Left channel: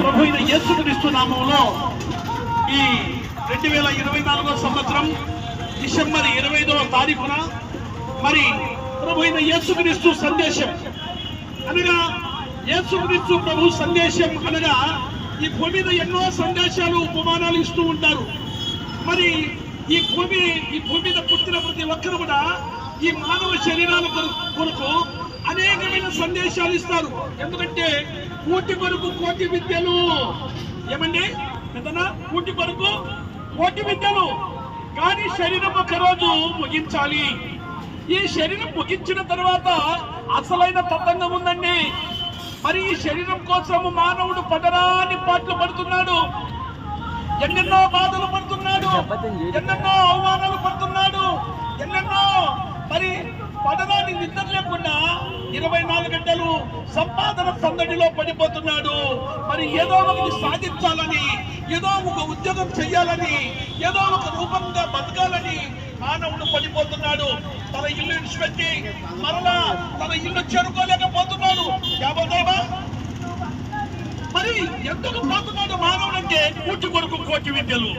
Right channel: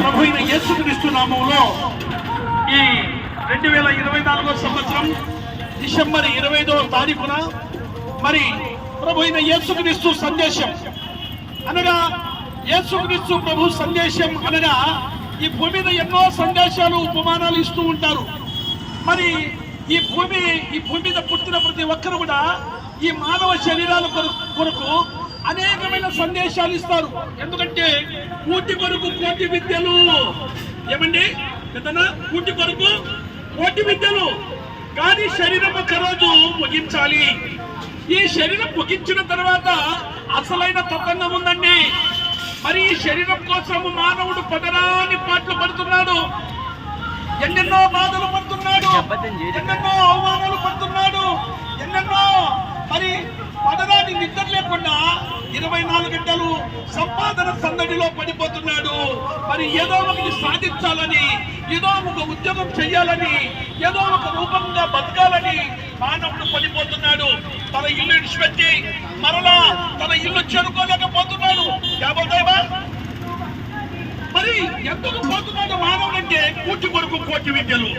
ప్రభు అయిన యేసుక్రీస్తు నామములో ఈ 2024 సంవత్సరం డిసెంబర్ 25వ తారీఖున మరి ప్రభు అయిన యేసుక్రీస్తు సందేశం అనగా యేసుక్రీస్తు ప్రభు సందేశం అనగా ఈ భూమి మీద ఎన్నో సందేశాలు ఉపమానాలు ఇస్తూ ఉంటారు. మరి ఈ భూమి మీద పుట్టిన ప్రతి ఒక్కరు కూడా ఈ మానవ శరీరాల కొరకు అనేకమైన సందేశాలు ఇస్తారు. ఎందుకంటే కూటి కొరకు కోటి విద్యలు, ఏమండి ఏదన్నా కూటి కొరకు కోటి విద్యలు, కానీ శరీరం ఒక రోజు ముగించాలి. ఈ శరీరం ముగించిన తర్వాత అసలైన తతంగం ఉందండి. మరి ఈ శరీరం కోసం మానవుడు పదరాని పాటలు పడుతున్నాడు, ఎన్నెన్నో బాధలు పడుతున్నాడు, ఎన్నెన్నో అవమానాలు పడుతున్నాడు, ఎన్నెన్నో మరి పదరాన్ని నిద్ర లేకుండా 24 గంటలు సంపాదన సందడిలో పడిపోతున్నాడు. మరి ఏదో ఒకటి సాధించాలని, ఏదో ఒక ఉద్యోగం చేయాలని, ఏదో ఒక రూపంగా బతకాలని మానవుడు పడిపోతున్నాడు. తన ఇల్లు విడిచిపెట్టి మరలా తన ఇల్లు చేరుకోలేకపోతున్నాడు. మరి ఎందుకు పోతున్నాడు మానవుడు అంటే కూటి కొరకు కోటి విద్యలు.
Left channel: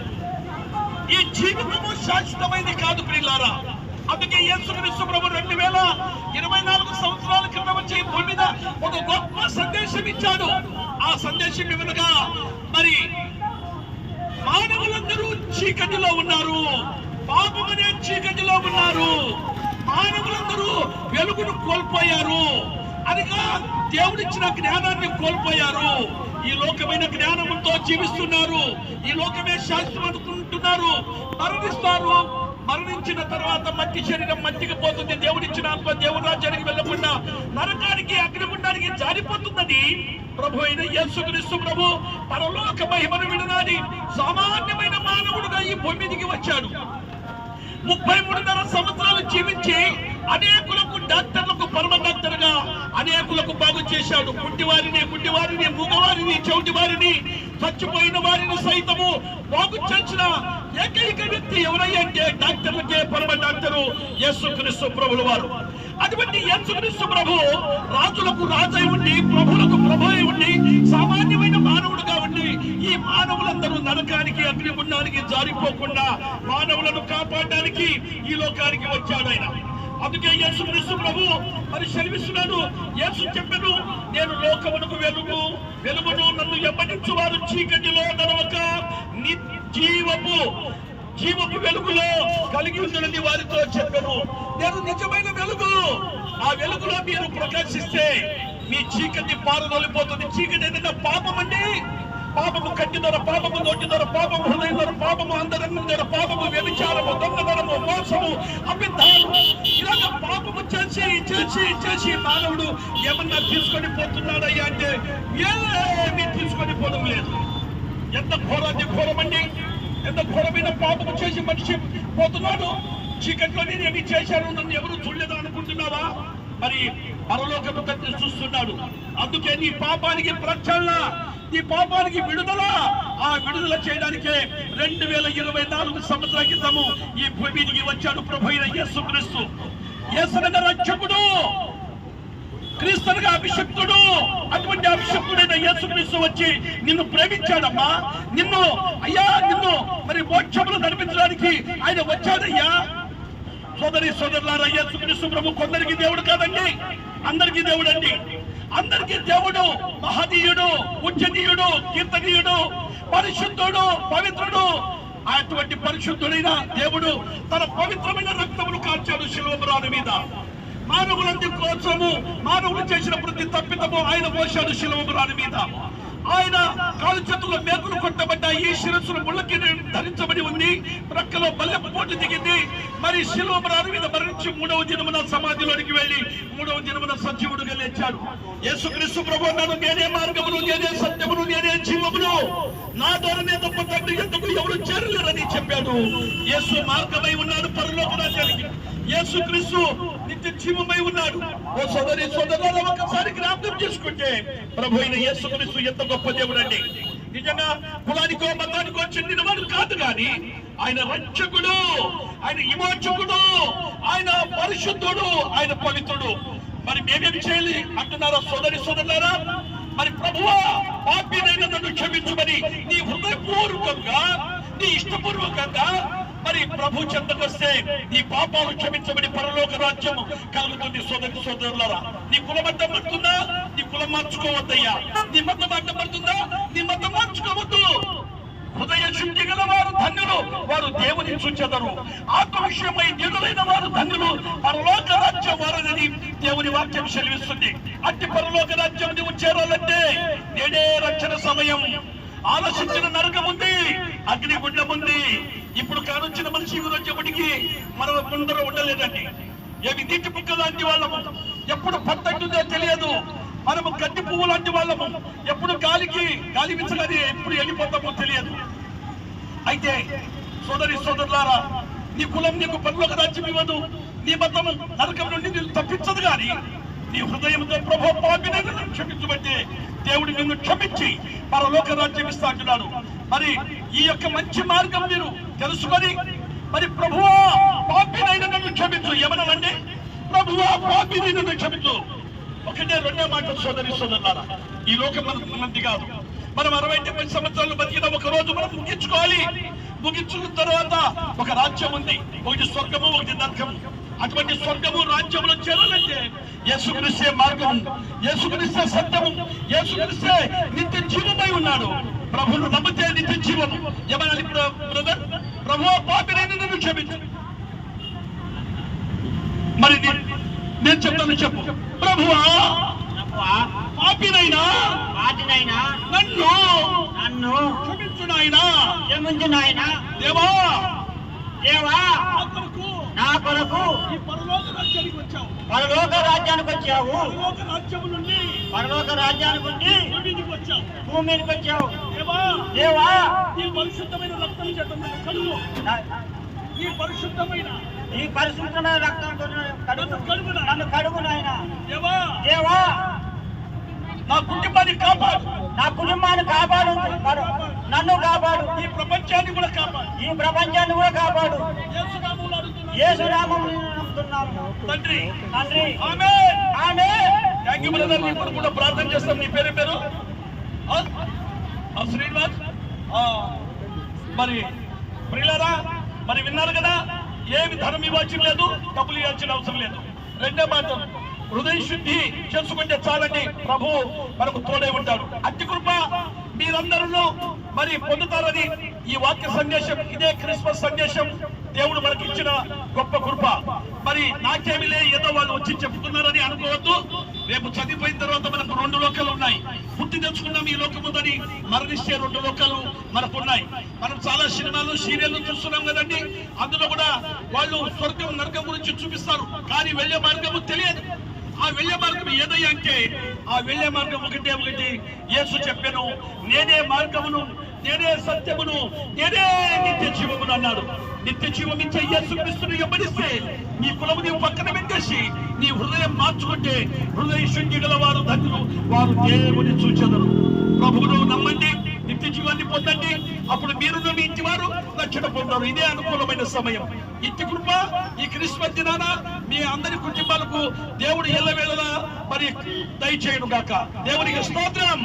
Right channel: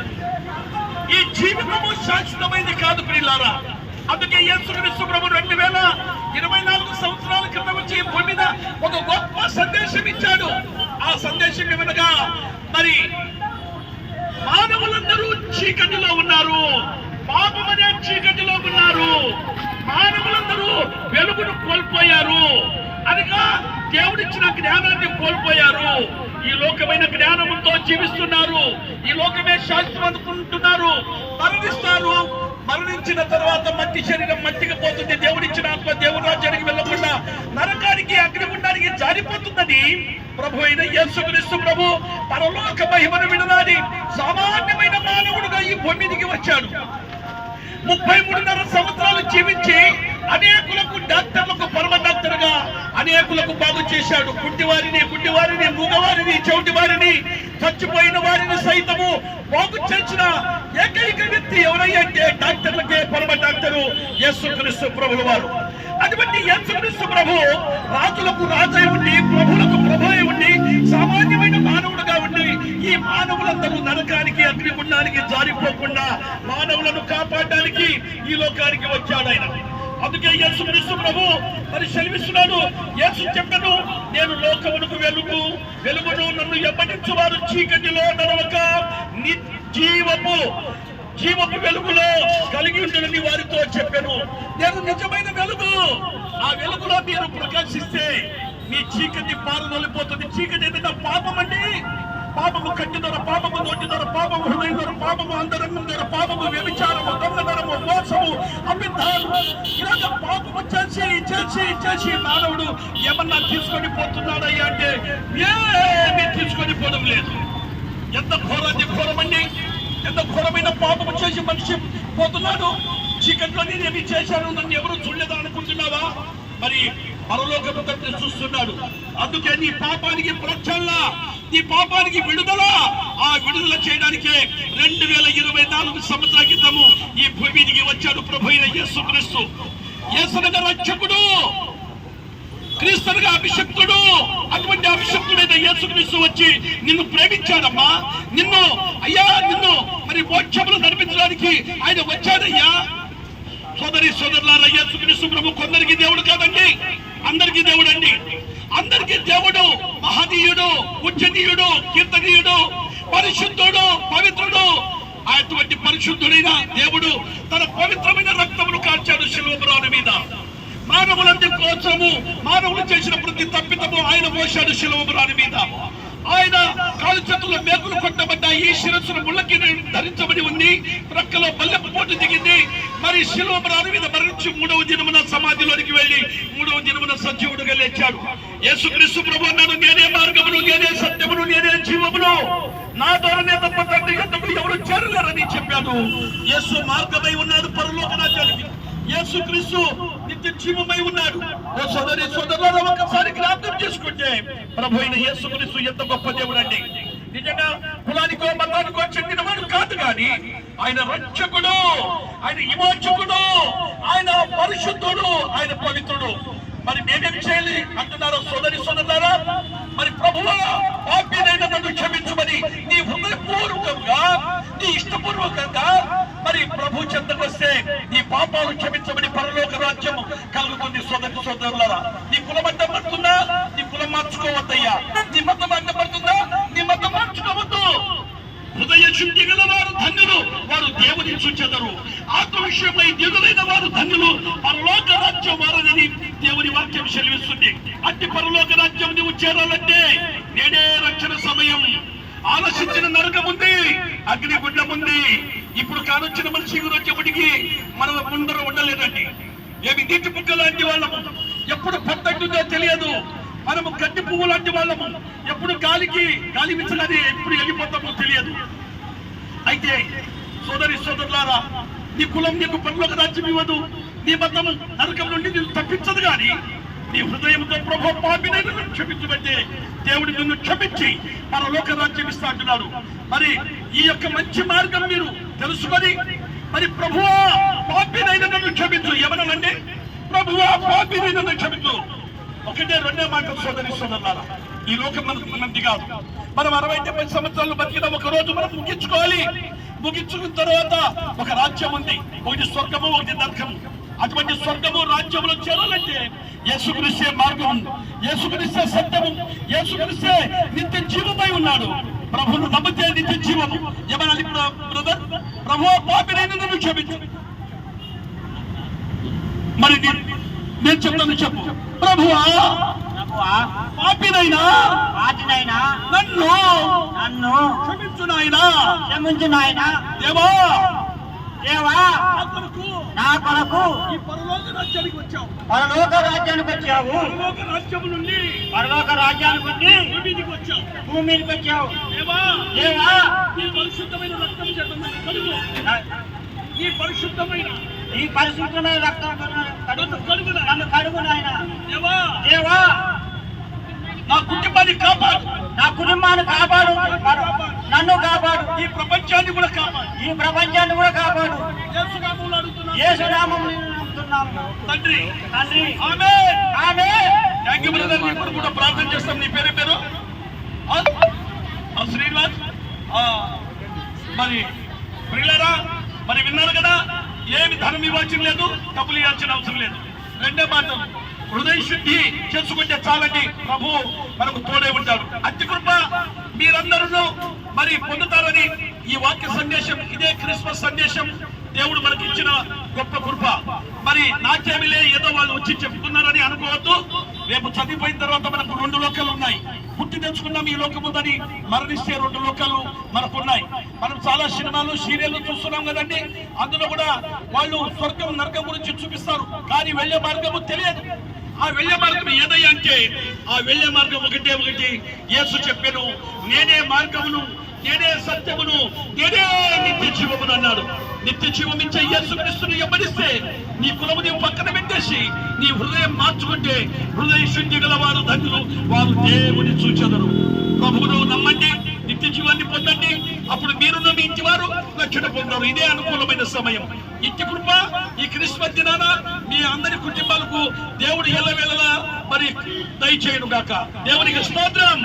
ఈ జీవితము శాశ్వతమైనది కాదు ప్రియులారా. అందుకే యేసుక్రీస్తు ప్రభు 2024 సంవత్సరాల క్రితం వచ్చి భూమి మీద ఒక గొప్ప సందేశం ఇచ్చాడు. ఆ సందేశం ఏమనగా మరి మానవులందరూ చీకటిలో ఉన్నారు, పాపమనే చీకటిలో ఉన్నారు, మానవులందరూ వెలుగును కోల్పోయారు, అనగా దేవుడిచ్చిన జ్ఞానాన్ని కోల్పోయారు. ఈ లోకమైన జ్ఞానంతో జీవిస్తున్నారు, ఈ లోకమే శాస్త్రం అనుకుంటున్నారు, మరణిస్తారు. మరణించిన తర్వాత మట్టి శరీరం మట్టికి పోతుంది. దేవుడిచ్చిన ఆత్మ దేవుడి రాజ్యానికి వెళ్ళకుండా నరకానికి అగ్నిగుండానికి జారిపోతుందని ప్రభు అయిన యేసుక్రీస్తు ప్రభు పరలోక మహిమను విడనాడి సామాన్యమైన మానవుడుగా ఈ భూమి మీదికి వచ్చాడు. 33.5 సంవత్సరాలు జీవించి అనేకులకు డాక్టర్లకు పరమ డాక్టర్ గా అనేకులకు బాగు చేశాడు. గుడ్డివారిని, మూగవారిని, చెవిటి వారిని, చచ్చిపోయిన వారిని సైతము బాగు చేసిన ఏకైక వ్యక్తి ఎవరయ్యంటే డాక్టర్లకే పరమ డాక్టరు యేసుక్రీస్తు ప్రభుల వారు. అటువంటి యేసుక్రీస్తు ప్రభు రాజులకు రాజై ఉండి, ప్రభులకు ప్రభువై ఉండి, సామాన్యమైన మానవుడుగా ఉండి ఈ మానవులందరూ నరకానికి అగ్నిగుండానికి జారిపోకుండా మానవులను కాపాడడానికి ఈ లోకానికి వచ్చాడు ఆయన. అందుకే యేసుక్రీస్తు ప్రభు మరి సెలవిస్తున్నాడు. యేసు చెప్పెను, నేను లోకమునకు వెలుగును, నన్ను ఎప్పటించు వారు చీకటిలో నడవక జీవపు వెలుగులో కలిగి ఉండని వారితో చెప్పాను. నేను నిజమైన వెలుగు. ఆ వెలుగులో మీరు ప్రకాశిస్తే మీ చీకటి పారదొలిపోతుంది. చీకటి ఏదైనా పాపం అండి. పాపము కంటి ద్వారా, పాపము నోటి ద్వారా, పాపము హృదయం ద్వారా, పాపము అంతరంగం ద్వారా, పాపము వ్యభిచారము, దొంగతనము, మోసము, అబద్ధాలు, ఇలాగ పాపము చేసి మానవుడు ఏమన్నా తీసుకొని పోతున్నాడయ్యా అంటే ఏమీ తీసుకొని పోవడం లేదు. ఎంత ఘోరమండి, ఎంత ఘోరమైన పాపము చేసి మనిషి పోతున్నాడు. చీకట్లో నేను చేశాను, నన్ను ఎవరు చూడలేదా అనుకుంటున్నావా? మరి పరలోకము తండ్రి చూస్తున్నాడు. అందుకే నీ పాపానికి ప్రక్షాళన, నీ పాపానికి విడుదల, ఆ విడుదల చేయడానికే 2024 సంవత్సరాల క్రితము ఈ భూమి మీదికి వచ్చాడు ప్రభు అయిన యేసుక్రీస్తు. యేసనగా రక్షకుడు, క్రీస్తుగా అభిషక్తుడు. అటువంటి అభిషక్తుడైన యేసుక్రీస్తు వచ్చి నిన్ను ప్రేమించాడమ్మా. నిన్ను మరి మోక్షములు నడిపించడానికి ఆయన వచ్చాడయ్యా. సోదరులారా, యేసుక్రీస్తు ప్రభు కొందరికి దేవుడు కాదండి, అందరికీ దేవుడు అండి. అందరికీ దేవుడు మహనీయుడు, పూజనీయుడు, కీర్తనీయుడు, పరిశుద్ధుడు, పవిత్రుడు. అటువంటి పరిశుద్ధుడైన దేవుడు తన పవిత్రమైన రక్తమును కార్చాడు శిలువ మీద. మానవులందరి కోసము, మానవులు చేసిన ప్రతి తప్పిదము ఆయన మోశాడు శిలువ మీద. ఆయన కాలు చేతుల్లో మేకులు కొట్టబడ్డాయి, ఈ శిరస్సును ముళ్ళకి ధరించబడి ఉంది, ప్రక్కలో బల్లెపోటు దిగింది. మరి శిలువ మీద మరణించి 3వ దినమున సమాధిలోనికి వెళ్లి 3వ దినమున సజీవుడుగా లేచాడు. యేసుక్రీస్తు ప్రభు అన్నాడు, నేనే మార్గమును, నేనే సత్యమును, నేనే జీవమును, నా ద్వారానే తప్ప తండ్రి యొద్దకు ఎవరు చేరలేరని చెప్పాడు. యేసు మార్గమై ఉన్నాడు పరలోక రాజ్యానికి. యేసుక్రీస్తు నిత్య జీవమై ఉన్నాడు. ఓ సోదరులారా, ఒకసారి జ్ఞాపకం చేసుకుంటే ప్రభు అయిన యేసుక్రీస్తు ఎంత గొప్ప దేవుడు అండి. నిజంగా కులానికో మతానికో చెందిన వాడు కాదు, కానీ ఆయన రక్షకుడు, ఆయన విమోచకుడు, ఆయన పరిశుద్ధుడు, ఆయన పవిత్రుడు. మరి మేమేం చేయాలి అంటున్నారా సోదరులారా? మరి ప్రభువా, పాపి పాపినైనా నన్ను క్షమించమని నీ హృదయపూర్వకంగా నీ ఇష్టపూర్వకంగా మరి ప్రభు చెంతకు వస్తే నీ పాపాలు క్షమించబడి పరలోక రాజ్యం కలుగుతుంది. సోదరి సోదరులారా, నీ కులం అడ్డపడుతుందా? నీ కులం మార్చుకోవద్దయ్యా. నీ మతం అడ్డపడుతుందా? నీ మతం మార్చుకోవద్దు. హృదయ శుద్ధి గల వారు ధన్యులు, వారు దేవుని చూచెదరు. ఆత్మ విషయమై దిగులైన వారు ధన్యులు, పరలోక రాజ్యం వారని దేవుని వాక్యం సెలవిస్తుంది. అట్టి పరలోక రాజ్యం నువ్వు చేరాలంటే నేడే రక్షణ సమయం. ఆలోచించిన నరకం ఉంది, అగ్నిగుండం ఉంది. ఇప్పుడు కానొచ్చిన మనిషి వచ్చేప్పటికి మనం ముందర ఉండలేదండి. ఏమి నీటి పుక్క లాంటి వాళ్ళము, ఎప్పుడు పట్టంటుందో తెలియదు. మనము గడ్డి పువ్వు లాంటి వాళ్ళము, ఎప్పుడు గాలి విచ్చగానే ఎప్పుడు వెళ్ళిపోతామో తెలియదు. అయితే సోదరి సోదరులారా, నీ కులం నీకు పరలోక రాజ్యం ఇవ్వదు, నీ మతం నరకం నుండి నిన్ను తప్పించదు. కానీ నీ హృదయంతో ప్రభు పాపినైనా నన్ను క్షమించబట్టే దేవుడు నిన్ను క్షమించి పరలోక రాజ్యం ఇస్తా అంటున్నాడు. మరి ఈ యొక్క మంచి మార్గం మీరు తెలుసుకొని మరి ప్రభువా పాపినైనా నన్ను క్షమించు ఏమన్నానంటే, ప్రభువా పాపినైనా నన్ను క్షమించు. ఒకటే రెండే మాట సోదరి సోదరులారా, ఈ లోకం మనది కాదు. మనం 60-70 సంవత్సరాలు బతికిన ఒక రోజు మనం ముగించుకోవాలి. ముగించుకున్న తర్వాత ఒక రాజ్యం ఉంది, ఒకటి స్వర్గము, ఒకటి నరకము. అటువంటి స్వర్గము రాజ్యములో చేరాలంటే యేసుక్రీస్తే మార్గం, యేసుక్రీస్తే సత్యము, యేసుక్రీస్తే నిత్య జీవమై ఉన్నాడు. ప్రభువును నమ్మితే నిత్య జీవము. ఏమనాలి బ్రదర్? ప్రభువా పాపినైనా నన్ను క్షమించు. మరి నేను చెప్తాను, చెప్పు. ప్రభువా పాపినైనా నన్ను క్షమించు నాయనా. దేవా నా కొరకు ఈ పరలోక రాజ్యానికి వచ్చావు. పరలోక రాజ్యానికి వచ్చావు. పరలోక రాజ్యం నుండి భూమి మీదకి వచ్చావు. దేవా నీ పరిశుద్ధమైన రక్తం చేత నన్ను కడుగు. నీ పరిశుద్ధమైన రక్తం నన్ను కడుగు నాయన. దేవా నా కుటుంబాన్ని కాపాడు. నన్ను కాపాడు. ఈ ప్రపంచాన్ని కూడా కాపాడు. యేసు నామములో నమ్ముతున్నాము తండ్రి. ఆమేన్. Thank you brother. ఇప్పుడు కూడా ప్రార్థన చేస్తాం. నీ పేరు శ్రీనివాస్. మరి ప్రియులారా, మరి విన్నారు కదా, ఏమి ధనం ఇవ్వాల్సిన లేదు, డబ్బులు ఇవ్వాల్సిన అవసరం లేదు. రెండే మాట, హృదయ శుద్ధి చేసుకుంటే చాలండి, ప్రభు మనకు తోడే ఉంటాడు. అతి కృప మీరందరూ మరి పొందుతారని ఈ వాక్య సందేశం, ఇదే క్రిస్మస్ సందేశం దేవుడు మనకి ఇచ్చిన గొప్ప కృప. మరి నాకేమిలే ఏదో వాళ్ళు వచ్చి చెప్తున్నారని అనుకోవద్దు. రేపు చదివిపోయిన తర్వాత మనకు 2 లోకాలు ఉన్నాయి. పుట్టి తెచ్చుకున్నాం ఈ లోకం ఉందని, మరణిస్తే 2 లోకాలు మనకు ఉన్నాయి. మనం చాలా సినిమాలు సీరియల్లు చూస్తున్నాం కదండి, అందులో కూడా వాళ్ళు స్వర్గం నరకం గురించి చూపిస్తారు, కానీ వెళ్ళే మార్గము తెలియదు. ఆ వెళ్ళే మార్గం ఏదయ్యా అంటే, ఆ వెళ్ళే మార్గం ఒకటే ఒకటి. యేసు చెప్పాను, నేనే మార్గమును, నేనే సత్యమును, నేనే నిత్య జీవమును అన్నాడు. నిత్య జీవం ఇచ్చే యేసుక్రీస్తును వెంబడిస్తే నీ కులము నీవు పక్కన పెట్టేసి నీ హృదయం మార్చుకుంటే హృదయ శుద్ధి గల వారు ధన్యులు, వారు దేవుని చూచెదరు. ప్రభువును నమ్మండి, నిత్య జీవాన్ని పొందండి. అప్పుడు మీరున్న మీ ఇంటి వారు రక్షణ పొందారు. ఇదే అనుకూలమైన సమయం. ఇంటి కృప ఈ క్రిస్మస్ దినాన మీ అందరి కుటుంబాలకు దేవుడు ఎల్లవేళలా మరి దయచేయును గాక. దేవునికి స్తోత్రం.